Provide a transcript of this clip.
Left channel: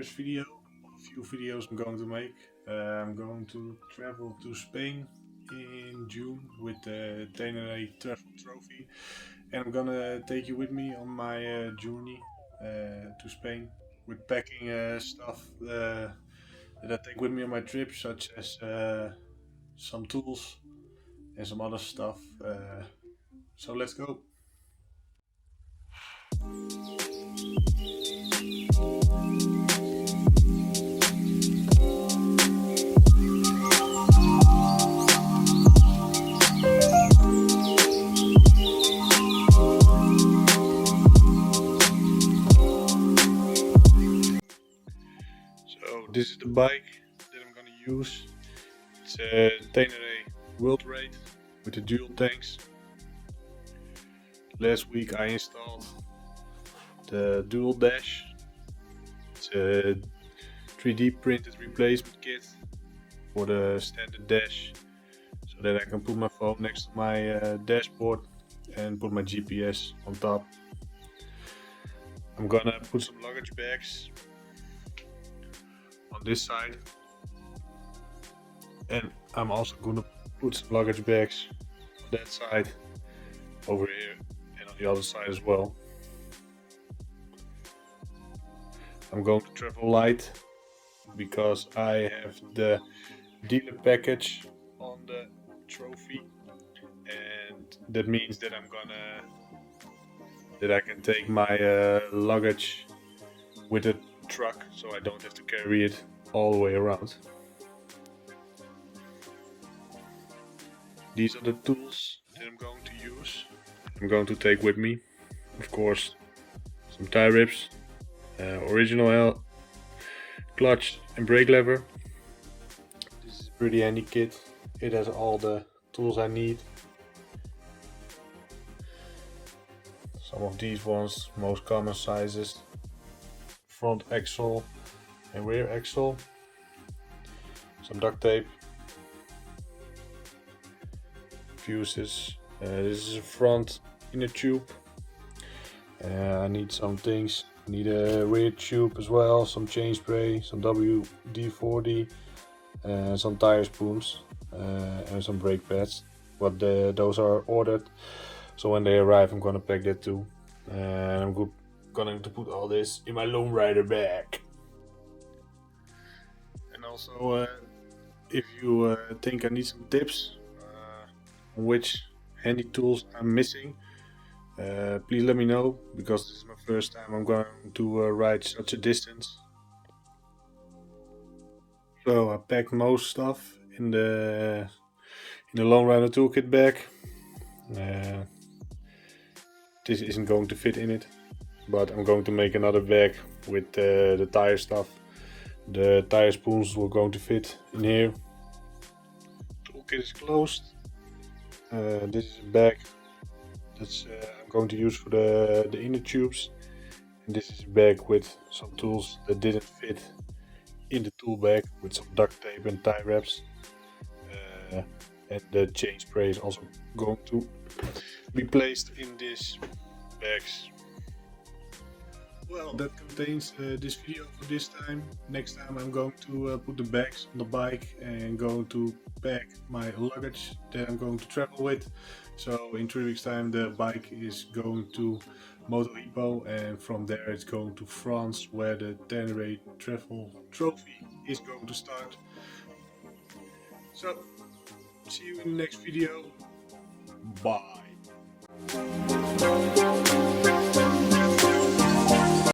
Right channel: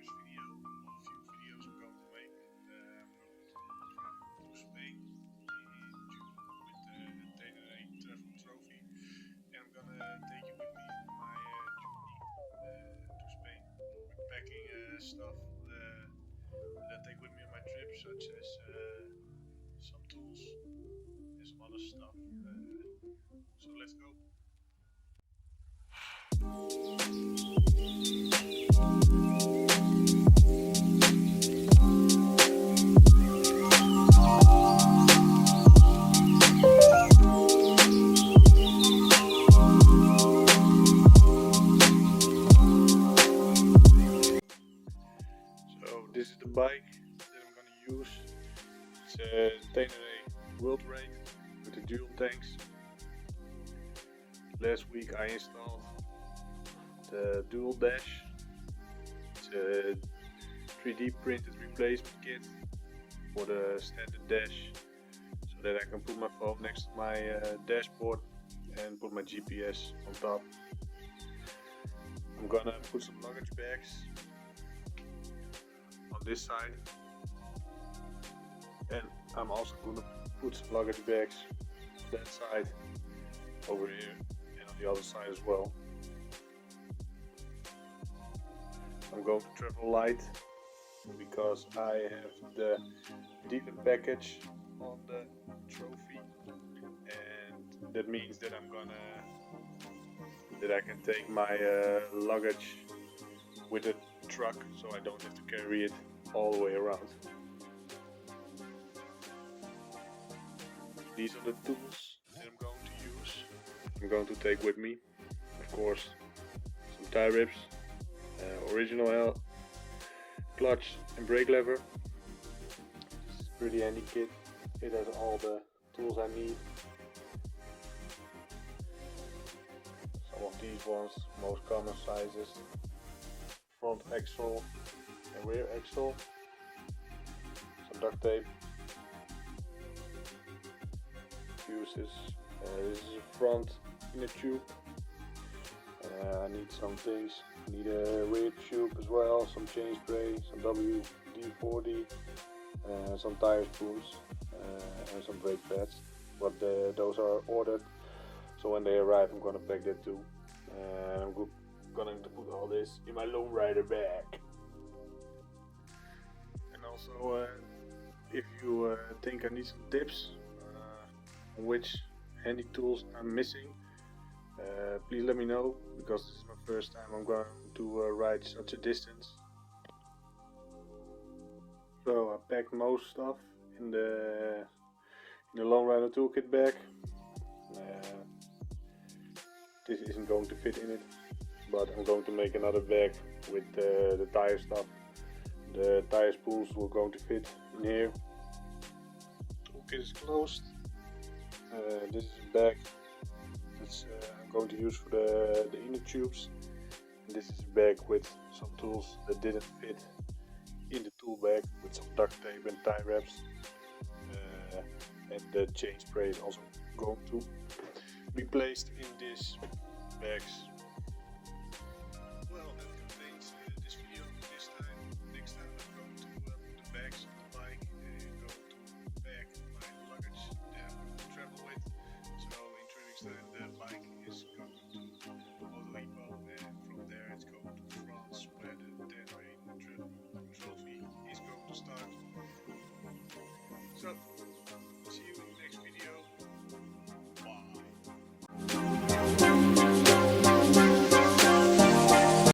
first video, a few videos I'm going to make. I'm going to travel to Spain in June with the Ténéré Travel trophy, and I'm gonna take you with me on my journey to Spain with packing stuff that I take with me on my trip, such as some tools and some other stuff. So let's go. This is the bike that I'm gonna use. It's a Tenere World Raid with the dual tanks. Last week I installed the dual dash. It's a 3D printed replacement kit for the standard dash, so that I can put my phone next to my dashboard and put my GPS on top. I'm gonna put some luggage bags on this side, and I'm also gonna put some luggage bags on that side over here and on the other side as well. I'm going to travel light because I have the dealer package on the trophy, and that means that I can take my luggage with a truck, so I don't have to carry it all the way around. These are the tools that I'm going to use. I'm going to take with me, of course, some tie rips, original clutch and brake lever. This is a pretty handy kit. It has all the tools I need. Some of these ones, most common sizes. Front axle and rear axle, some duct tape, fuses. This is a front inner tube. I need some things. I need a rear tube as well, some chain spray, some WD-40, some tire spoons, and some brake pads. But those are ordered, so when they arrive I'm gonna pack that too. And I'm going to put all this in my Lonerider bag. And also, if you think I need some tips on which handy tools I'm missing, please let me know, because this is my first time I'm going to ride such a distance. So I packed most stuff in the Lonerider toolkit bag. This isn't going to fit in it, but I'm going to make another bag with the tire stuff. The tire spoons were going to fit in here. Toolkit is closed. This is a bag that's I'm going to use for the inner tubes. And this is a bag with some tools that didn't fit in the tool bag, with some duct tape and tie wraps. And the chain spray is also going to be placed in these bags. Well, that contains this video for this time. Next time I'm going to put the bags on the bike and going to pack my luggage that I'm going to travel with. So in 3 weeks time the bike is going to Moto, and from there it's going to France, where the Ténéré Travel trophy is going to start. So see you in the next video. Bye.